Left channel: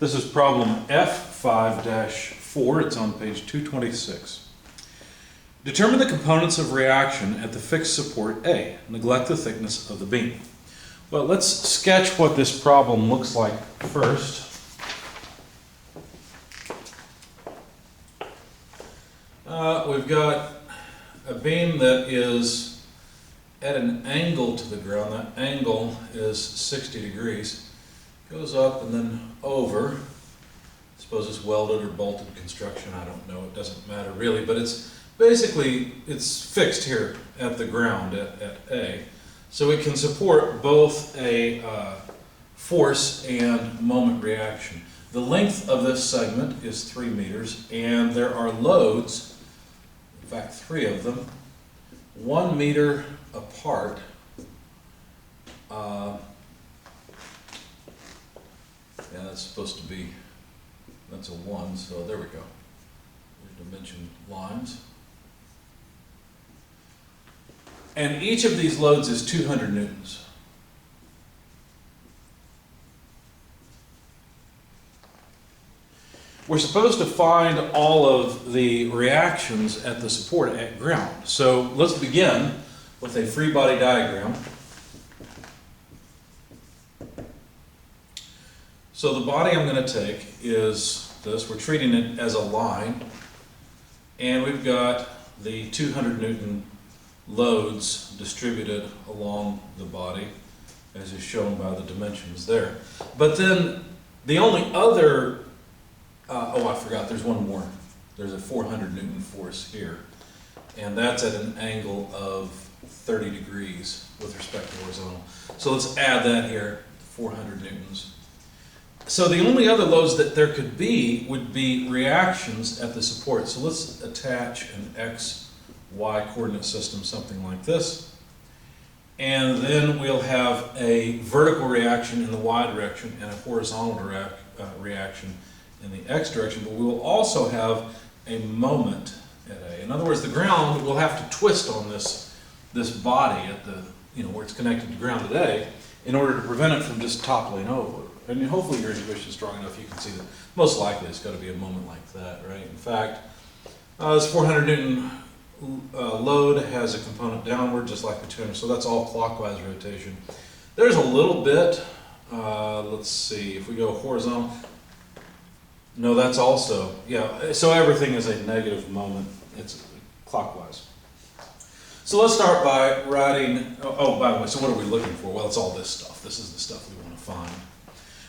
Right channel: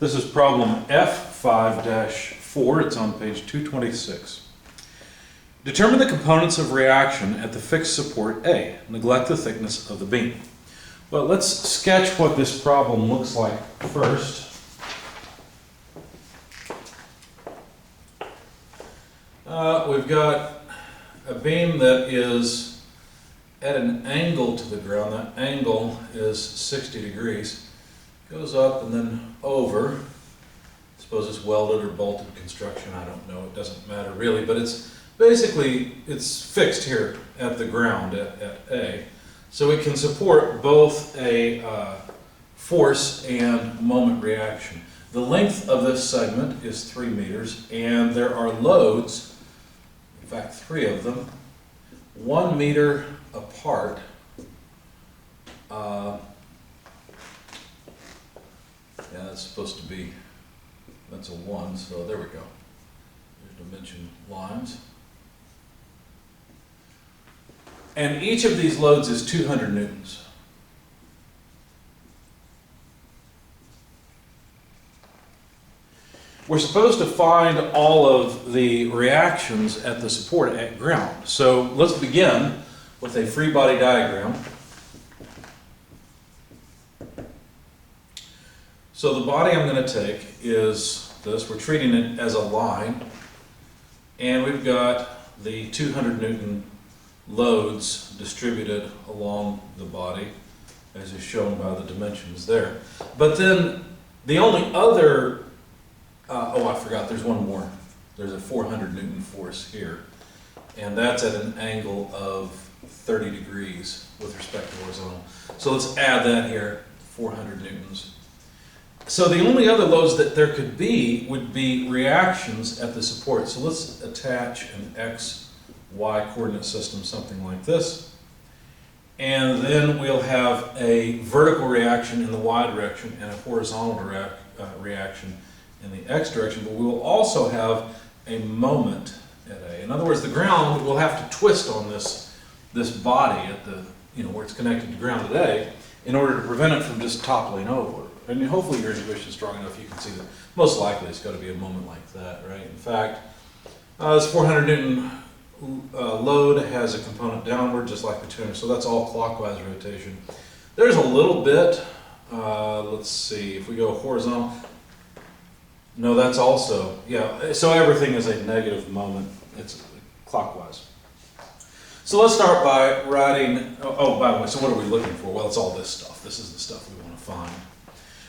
This is problem F5-4. It's on page 226. Determine the components of reaction at the fixed support A. Neglect the thickness of the beam. Well, let's sketch what this problem looks like first. We've got a beam that is at an angle to the ground. That angle is 60 degrees. Goes up and then over. I suppose it's welded or bolted construction. I don't know. It doesn't matter really, but it's basically it's fixed here at the ground at A. So it can support both a force and moment reaction. The length of this segment is 3 meters, and there are loads, in fact 3 of them, 1 meter apart. Yeah, that's supposed to be, that's a 1, so there we go. There's dimension lines. And each of these loads is 200 newtons. We're supposed to find all of the reactions at the support at ground. So let's begin with a free body diagram. So the body I'm going to take is this. We're treating it as a line. And we've got the 200 Newton loads distributed along the body, as is shown by the dimensions there. But then the only other, I forgot, there's one more. There's a 400 Newton force here. And that's at an angle of 30 degrees with respect to horizontal. So let's add that here, 400 newtons. So the only other loads that there could be would be reactions at the support. So let's attach an X, Y coordinate system, something like this. And then we'll have a vertical reaction in the Y direction and a horizontal reaction in the X direction. But we will also have a moment at A. In other words, the ground will have to twist on this body at the, where it's connected to ground at A in order to prevent it from just toppling over. And hopefully your intuition is strong enough you can see that most likely it's got to be a moment like that, right? In fact, this 400 Newton load has a component downward just like the 200, so that's all clockwise rotation. There's a little bit, let's see, if we go horizontal, no, that's also, yeah, so everything is a negative moment, it's clockwise. So let's start by writing, by the way, so what are we looking for? Well, it's all this stuff. This is the stuff we want to find.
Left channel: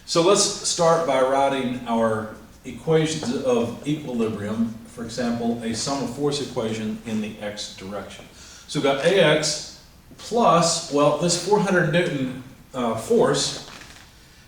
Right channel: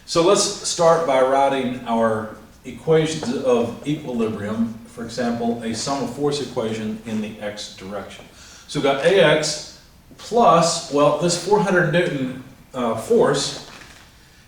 So let's start by writing our equations of equilibrium, for example, a sum of force equation in the X direction. So we've got AX plus, well, this 400 Newton force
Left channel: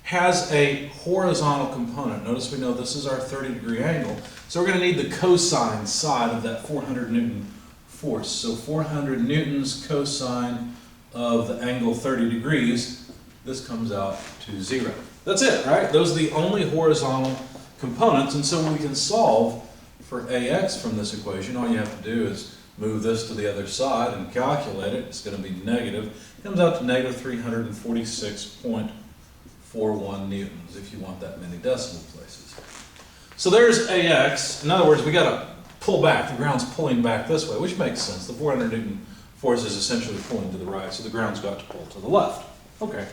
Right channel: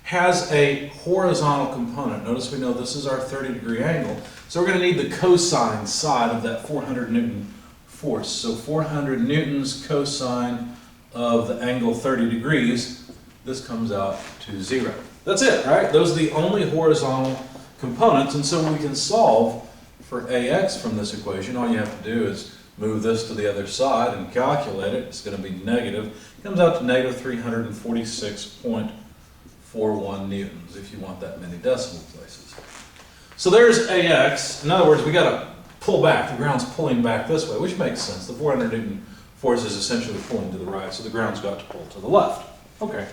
has a horizontal component. Notice we know this is our 30-degree angle. So we're going to need the cosine side of that 400 Newton force. So 400 newtons cosine of the angle 30 degrees, this comes out to 0. That's it, right? Those are the only horizontal components, and so we can solve for AX from this equation. All you have to do is move this to the other side and calculate it. It's going to be negative. It comes out to negative 346.41 newtons if you want that many decimal places. So there's AX. In other words, we got to pull back. The ground's pulling back this way, which makes sense. The 400 Newton force is essentially pulling to the right, so the ground's got to pull to the left. Okay.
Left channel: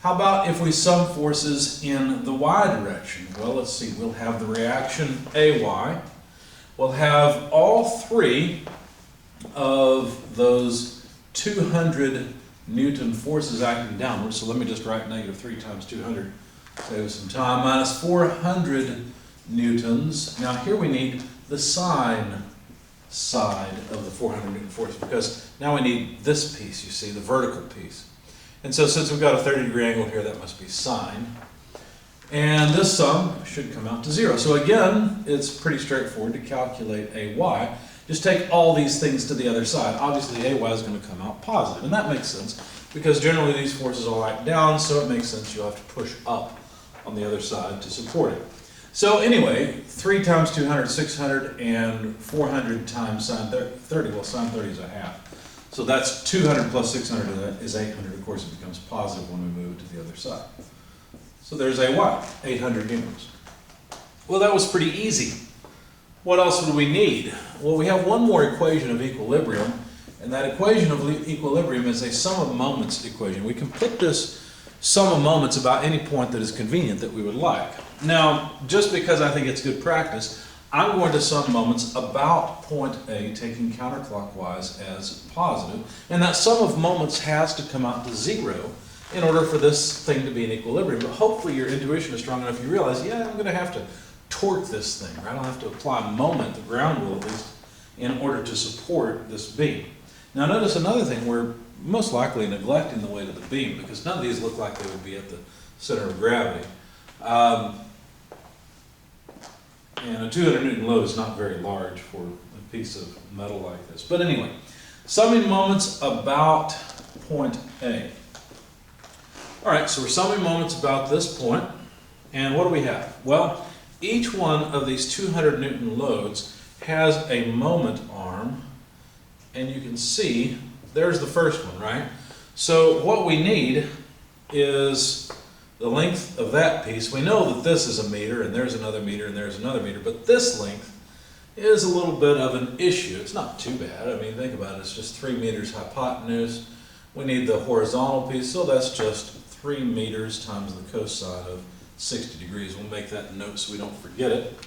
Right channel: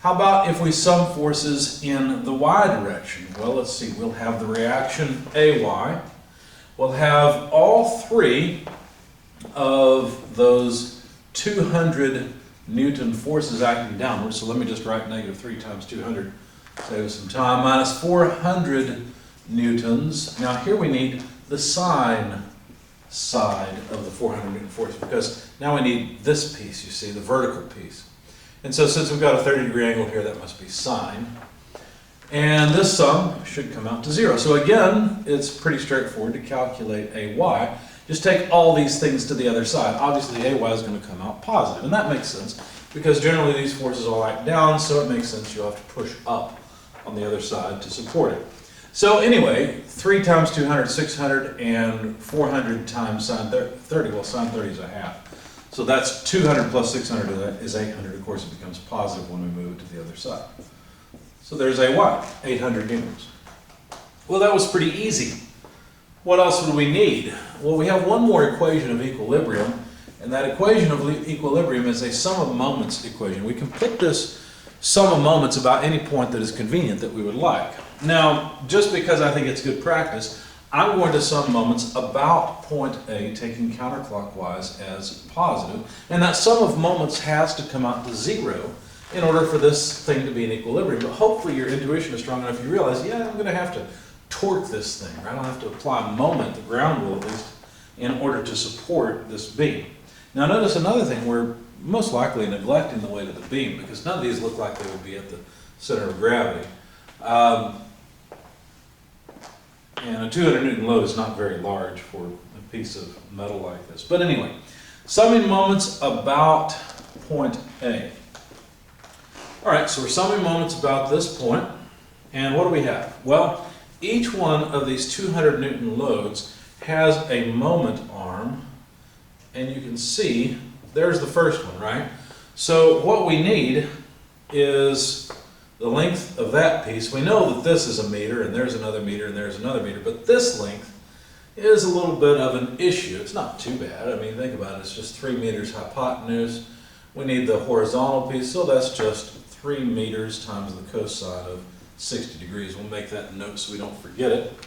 How about if we sum forces in the Y direction? Well, let's see. We'll have the reaction AY. We'll have all 3 of those 200 Newton forces acting downward. So let me just write negative 3 times 200, save some time, minus 400 newtons. Now here we need the sine side of the 400 Newton force because now we need this piece, you see, the vertical piece. And so since we've got a 30-degree angle here, that must be sine. And this sum should come out to 0. So again, it's pretty straightforward to calculate AY. Just take all these things to the other side. Obviously, AY is going to come out positive, and that makes sense because generally these forces all act down, so it makes sense you'll have to push up on the other side to support it. So anyway, 3 times 200, 600, and 400 times sine 30. Well, sine 30 is a half. So that's 200 plus 600 is 800. Of course, it becomes positive when we move it to the other side. So there's a what? 800 newtons. Well, that was pretty easy. What else would we need? Well, we have one more equation of equilibrium, and that equation of equilibrium is a sum of moments equation. We can put this sum of moments about any point that is convenient that we would like. Now, just because I think it's good practice, I'm going to sum moments about point A, taking counterclockwise as positive, and that sum of moments has to come out to 0 in order for this thing to be in equilibrium. But hopefully your intuition is strong enough you realize, yeah, I'm going to have to torque this thing, right? I'll have to apply moment, the ground will at least, in order to support this beam. Now notice another thing, we're most likely neglecting the weight of the beam because none of these look like they would be at the center of gravity. And a 200 Newton load is not very large for a piece of metal like this. But anyway, summing moments about point A. All right, so we're summing moments about this point, and what do we have? Well, each one of these 200 Newton loads has a moment arm, and you can see there's the first one, right? So what we need is the length of that piece. We know that this is a meter, and there's another meter, and there's another meter, but this length is a little bit of an issue. It's not too bad. I mean, think about it. It's just 3 meters hypotenuse. We need the horizontal piece, so that's just 3 meters times the cosine of 60 degrees. We'll make that note so we don't forget it.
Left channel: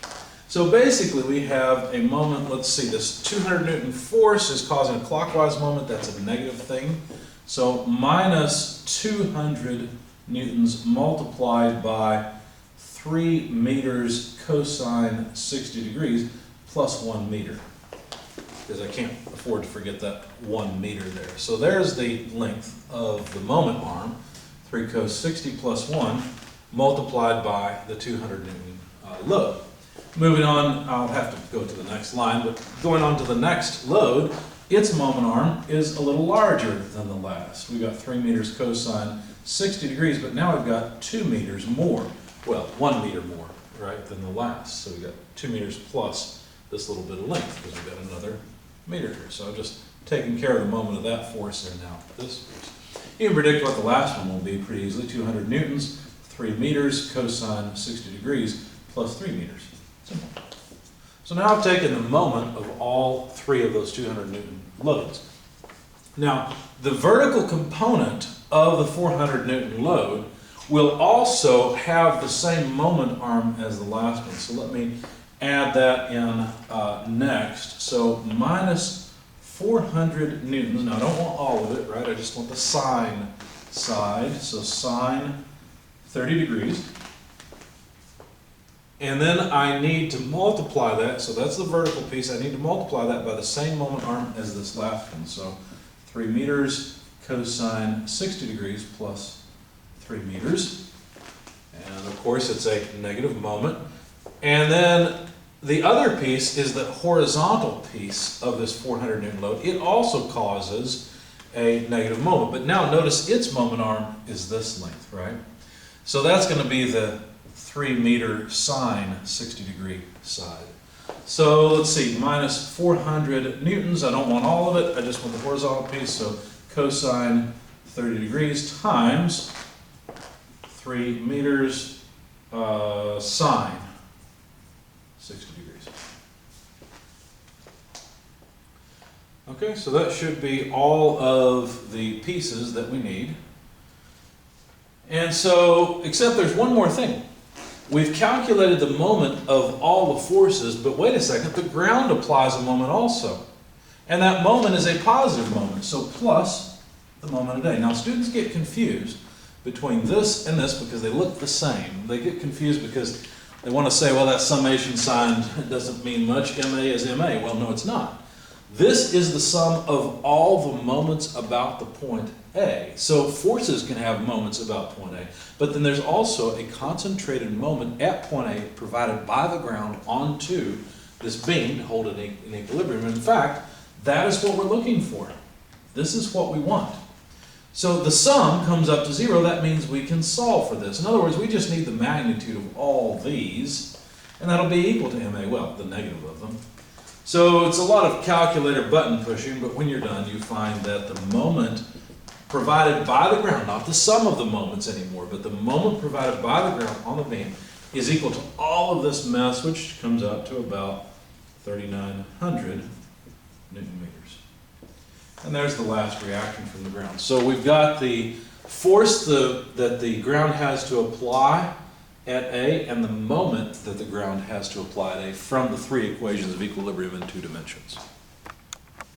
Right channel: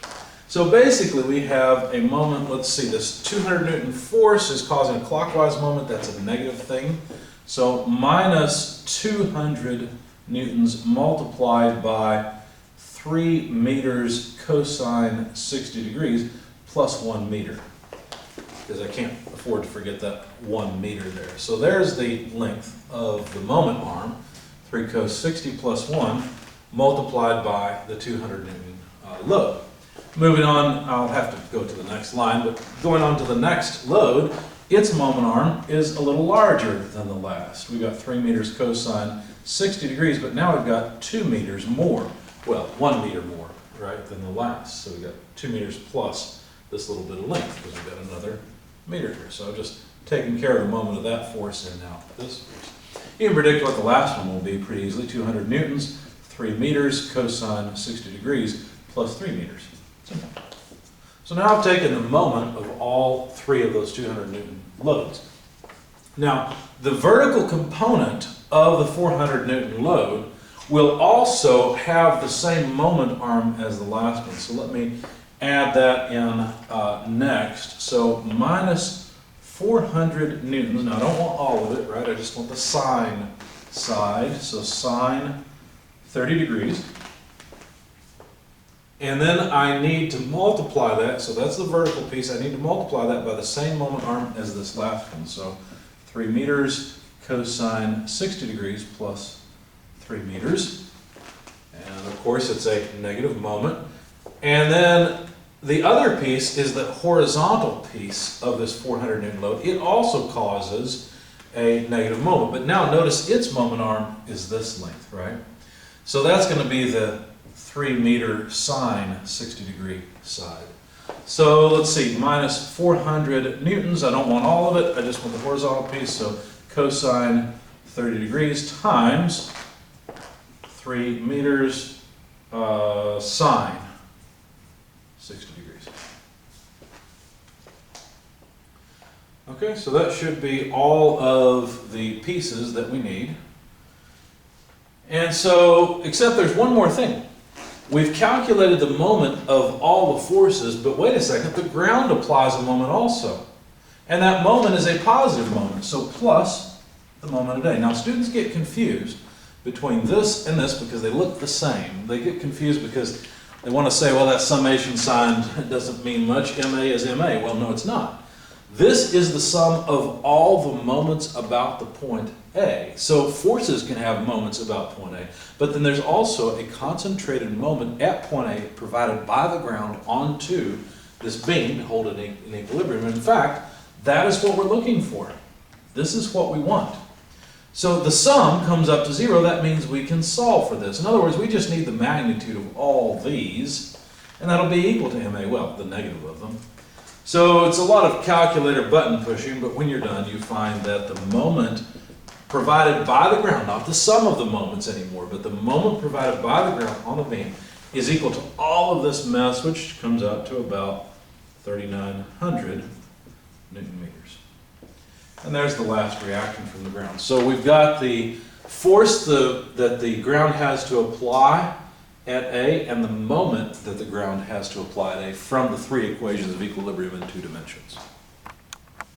So basically we have a moment, let's see, this 200 Newton force is causing a clockwise moment. That's a negative thing. So minus 200 newtons multiplied by 3 meters cosine 60 degrees plus 1 meter. Because I can't afford to forget that 1 meter there. So there's the length of the moment arm, 3 cos 60 plus 1, multiplied by the 200 Newton load. Moving on, I'll have to go to the next line, but going on to the next load, its moment arm is a little larger than the last. We've got 3 meters cosine 60 degrees, but now we've got 2 meters more. Well, 1 meter more, right, than the last. So we've got 2 meters plus this little bit of length because we've got another meter here. So I've just taken care of the moment of that force and now this force. You can predict what the last one will be pretty easily. 200 newtons, 3 meters cosine 60 degrees plus 3 meters. Simple. So now I've taken the moment of all 3 of those 200 Newton loads. Now, the vertical component of the 400 Newton load will also have the same moment arm as the last one. So let me add that in next. So minus 400 newtons. Now I don't want all of it, right? I just want the sine side. So sine 30 degrees. And then I need to multiply that, so that's the vertical piece, I need to multiply that by the same moment arm as this last one. So 3 meters cosine 60 degrees plus 3 meters. And of course it's a negative moment. And then the other piece is the horizontal piece of this 400 Newton load. It also causes a negative moment. But now notice its moment arm is this length, right? So that's going to be the 3 meter sine 60 degree side. So let's see, minus 400 newtons. I don't want all of it. I just want the horizontal piece. So cosine 30 degrees times 3 meters sine 60 degrees. Okay, so that should be all of the pieces that we need. And so, except there's one more thing. We've calculated the moment of all the forces, but wait a second, the ground applies a moment also. And that moment is a positive moment, so plus the moment of day. Now students get confused between this and this because they look the same. They get confused because they want to say, well, that summation sign doesn't mean much, MA is MA. Well, no, it's not. This is the sum of all the moments about the point A. So forces can have moments about point A, but then there's also a concentrated moment at point A provided by the ground onto this beam to hold it in equilibrium. In fact, that is what we're looking for. This is what we want. So the sum comes up to 0. That means we can solve for this. In other words, we just need the magnitude of all these, and that'll be equal to MA, well, the negative of them. So it's a lot of calculator button pushing, but when you're done, you find that the moment provided by the ground, not the sum of the moments anymore, but the moment provided by the ground on the beam is equal to all of this mass, which comes out to about 3,900 Newton meters. And there's the last reaction from the ground. So we've got the force that the ground has to apply at A and the moment that the ground has to apply at A from the three equations of equilibrium in 2 dimensions.